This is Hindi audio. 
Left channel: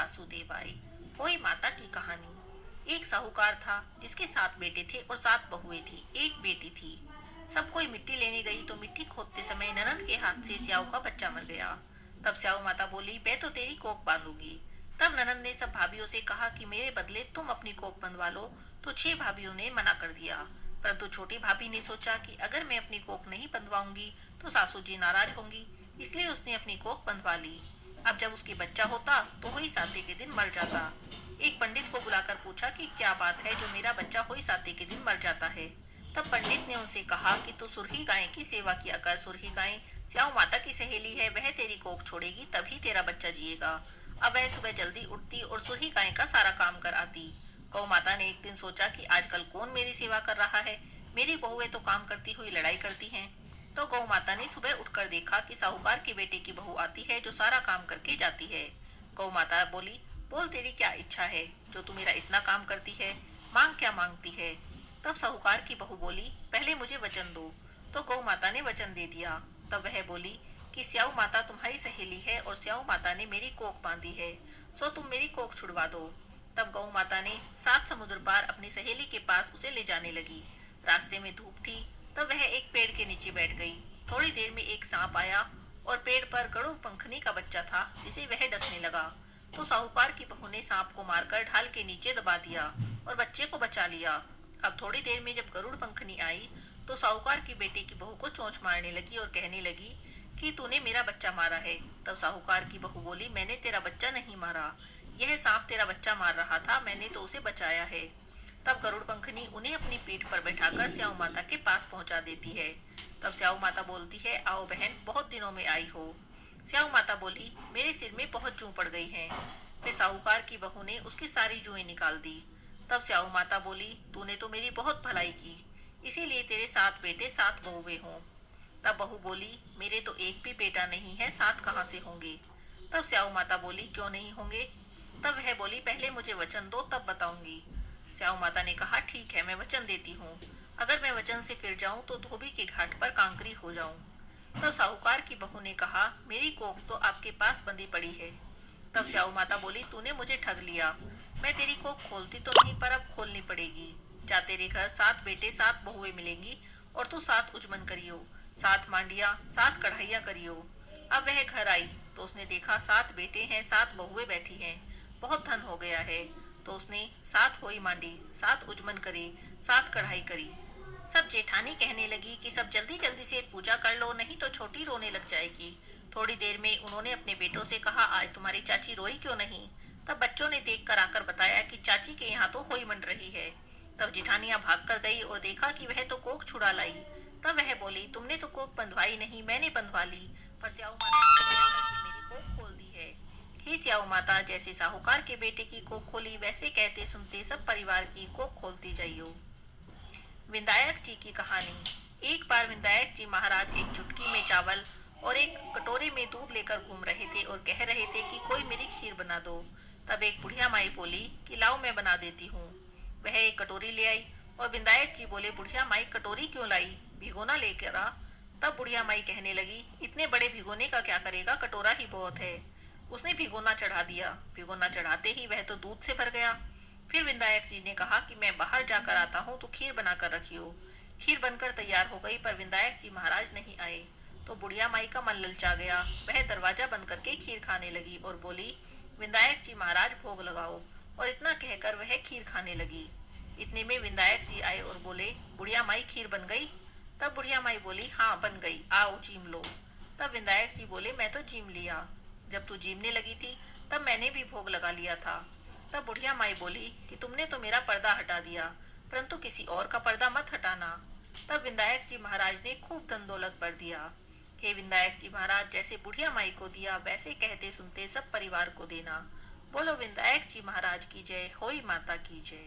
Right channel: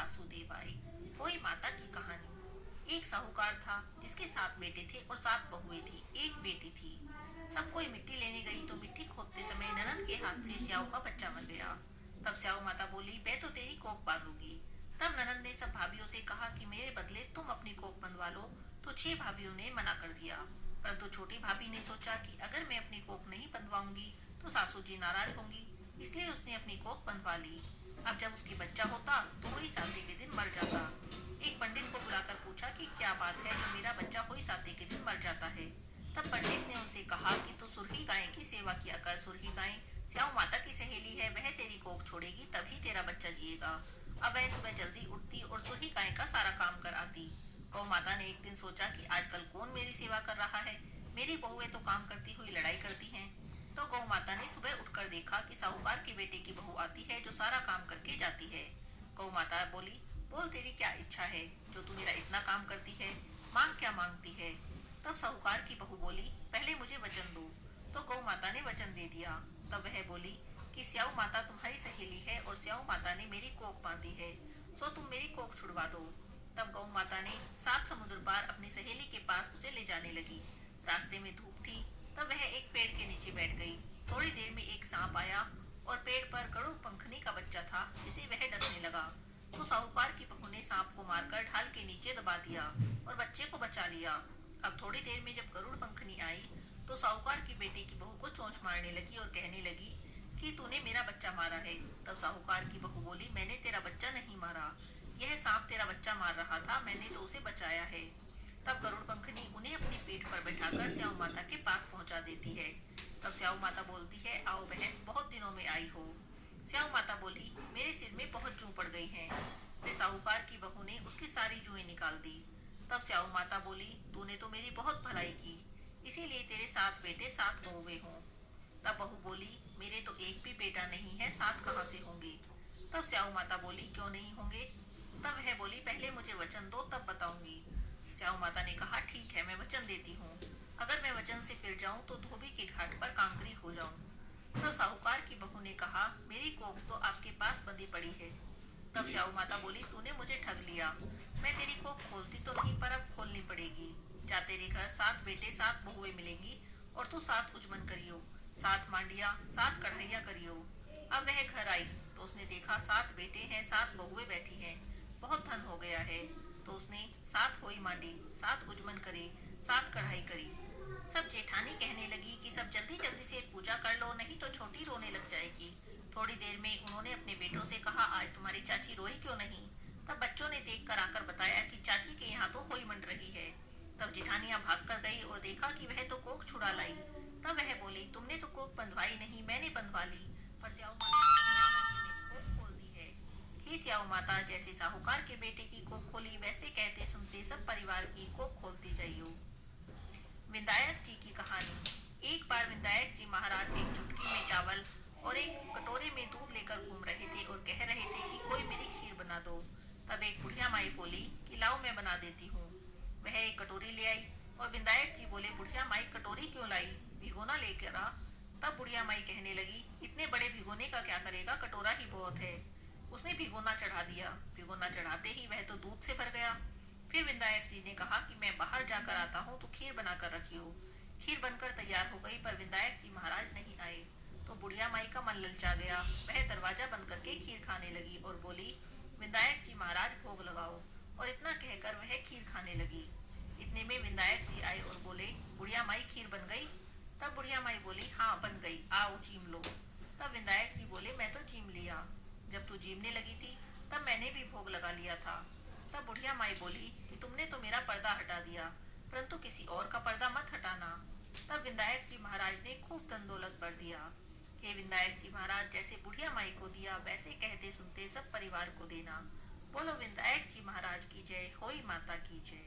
वासुदेवाय। होई माता की कहानी। एक साहूकार था जिसके 7 बेटे थे और 7 बहुएं थी। एक बेटी थी। सब कोई मिट्टी लेने गई तो मिट्टी खोदते समय ननद के हाथ से स्याऊ का बच्चा मर गया। तब स्याऊ माता बोली, मैं तो तेरी कोख बांधूंगी। तब ननद ने सब भाभीियों से कहा कि मेरे बदले तुम अपनी कोख बंधवा लो। तो 6 भाभीियों ने मना कर दिया। परंतु छोटी भाभी ने सोचा कि अगर मैं अपनी कोख नहीं बंधवाऊंगी तो सासू जी नाराज होंगी, इसलिए उसने अपनी कोख बंधवा ली। अब जब उसके बच्चा होता तो हुई साते के दिन मर जाता। एक पंडित को बुलाकर पूछा कि क्या बात है जो मेरा बच्चा हुई साते के दिन मर जाता है। तब पंडित ने उनसे कहा कि तू सुरही गाय की सेवा किया कर। सुरही गाय स्याऊ माता की सहेली है, वह तेरी कोख छोड़ेगी तभी तेरा बच्चा जिएगा। अब वह सुबह जल्दी उठती और सुरही गाय का सारा काम कर आती। गौ माता ने एक दिन सोचा कि आजकल कौन मेरी सेवा कर रहा है, मेरी बहुएं तो काम करती हुई लड़ाई करती हैं। तो गौ माता ने सुबह उठकर देखा कि साहूकार के बेटे की बहू आती है जो सारा काम करके जाती है। गौ माता बोली, बोल तेरी क्या इच्छा है जो तू मेरा इतना काम करती है, मांग क्या मांगती है। तब साहूकार की बहू बोली, पहले मुझे वचन दो। तो गौ माता ने वचन दे दिया। तब वह बोली कि स्याऊ माता तुम्हारी सहेली है और स्याऊ माता ने मेरी कोख बांधी है, सो तुम मेरी कोख छुड़वा दो। तब गौ माता ने 7 समुद्र पार अपनी सहेली के पास उसे ले जाने लगी। रास्ते में धूप थी। तब वह एक पेड़ के नीचे बैठ गई। थोड़ी देर में एक सांप आया और पेड़ पर गरुड़ पंखनी का बच्चा था जिसे वह डसने लगा। तो साहूकार की बहू ने सांप को मारकर ढाल के नीचे दबा दिया और बच्चे को बचा लिया। अब थोड़ी देर में जब गरुड़ पंखनी आई तो साहूकार की बेटे की बहू को चोंच मारने लगी और कहने लगी कि तूने मेरा बच्चा मारा है। तब साहूकार की बहू बोली, मैंने तेरा बच्चा नहीं मारा, यह सांप तेरा बच्चा मार रहा था, मैंने तो उसे बचाया है। तब गरुड़ पंखनी उन्हें अपनी पीठ पर बैठाकर स्याऊ माता के पास पहुंचा देती है। तब स्याऊ माता बोलती है, आओ बहन, बहुत दिनों में आई हो। स्याऊ माता बोली, मेरे सिर में बहुत जूं पड़ गई हैं। फिर साहूकार की बहू ने उसकी सारी जुएं निकाल दी। तब स्याऊ माता बोली, तूने तो मेरी बहुत भलाई की, इसीलिए तेरे 7 बेटे 7 बहुएं हों। तब बहू बोली, मेरे तो एक भी बेटा नहीं है, 7 कहाँ से होंगे। तब स्याऊ माता बोली, क्यों नहीं होंगे। तब वह बोली, पहले मुझे वचन दो तब बताऊंगी। स्याऊ माता ने कहा, ठीक है, मैं वचन देती हूँ। अगर मैं वचन से फिर जाऊं तो धोबी के घाट पर कांकरी हो जाऊं। तब साहूकार की बहू ने कहा, मेरी कोख तो आपके पास बंधी पड़ी है। तब स्याऊ माता बोली, तूने मुझे ठग लिया, मैं तेरी कोख खोलती तो नहीं पर अब खोलनी पड़ेगी। जा, तेरे घर 7 बेटे 7 बहुएं मिलेंगी और तू 7 उजमन करियो, 7 मांडिया 7 कढ़ाइया करियो। अब वह घर आई तो उसने देखा 7 बेटे हैं 7 बहुएं बैठी हैं, बहुत धन हो गया है। तो उसने 7 होई मांडी, 7 उजमन करे, 7 कढ़ाई करी। सब जेठानी कहने लगी कि सब जल्दी जल्दी से पूजा कर लो, नहीं तो छोटी रोने लग जाएगी। थोड़ी देर में उन्होंने अपने बेटों से कहा, आज तुम्हारी चाची रोई क्यों नहीं। तब बच्चों ने देख कर आकर बताया कि चाची के यहाँ तो होई मंड रही है। तब जेठानियां भाग कर गई और देखा कि वह तो कोख छुड़ा लाई। तब वह बोली, तुमने तो कोख बंधवाई नहीं, मैंने बंधवा ली, पर स्याऊ माता ने मेरी कोख खोल दी है। ही स्याऊ माता, जैसे साहूकार के बेटे की कोख खोली वैसे कहते सुनते सब परिवार की कोख खोलती जाइयो। विधायक जी की कहानी। एक बार विधायक जी महाराज एक चुटकी में चावल और एक कटोरे में दूध लेकर घूम रहे थे और कह रहे थे कि कोई मेरी खीर बना दो। तब एक बुढ़िया माई बोली कि लाओ मैं बना देती हूँ। वह एक कटोरी ले आई और विधायक जी बोले, बुढ़िया माई कटोरी क्यों लाई, भिगोना लेकर आ। तब बुढ़िया माई कहने लगी, इतने बड़े भिगोने का क्या करेगा, कटोरा ही बहुत है। उसने भिगोना चढ़ा दिया। भिगोना चढ़ाते ही वह तो दूध से भर गया। फिर विधायक जी ने कहा कि मैं बाहर जाकर आता हूँ तो खीर बनाकर रखियो। खीर बनकर तैयार हो गई पर विधायक जी महाराज नहीं आए। तो बुढ़िया माई का मन ललचा गया। वह दरवाजा बंद करके खीर खाने लगी और बोली, विधायक जी महाराज भोग लगाओ। और इतना कहकर वह खीर खाने लगी। इतने में विधायक जी आए और बोले, बुढ़िया माई खीर बन गई। तब बुढ़िया माई बोली, हाँ बन गई, आओ चीम लो। तब विधायक जी बोले, मैं तो चीम लिया, जब तू चीमने लगी थी तब मैंने भी भोग लगा लिया था। तब बुढ़िया माई बोली कि तुमने तो मेरा पर्दा हटा दिया, परंतु किसी और का पर्दा मत हटाना। तब विधायक जी महाराज ने खूब धन दौलत भर दिया। हे विधायक जी महाराज, जैसे बुढ़िया माई को दिया वैसे कहते सुनते सब परिवार को देना। बोलो विधायक जी महाराज की जय, होई माता की जय।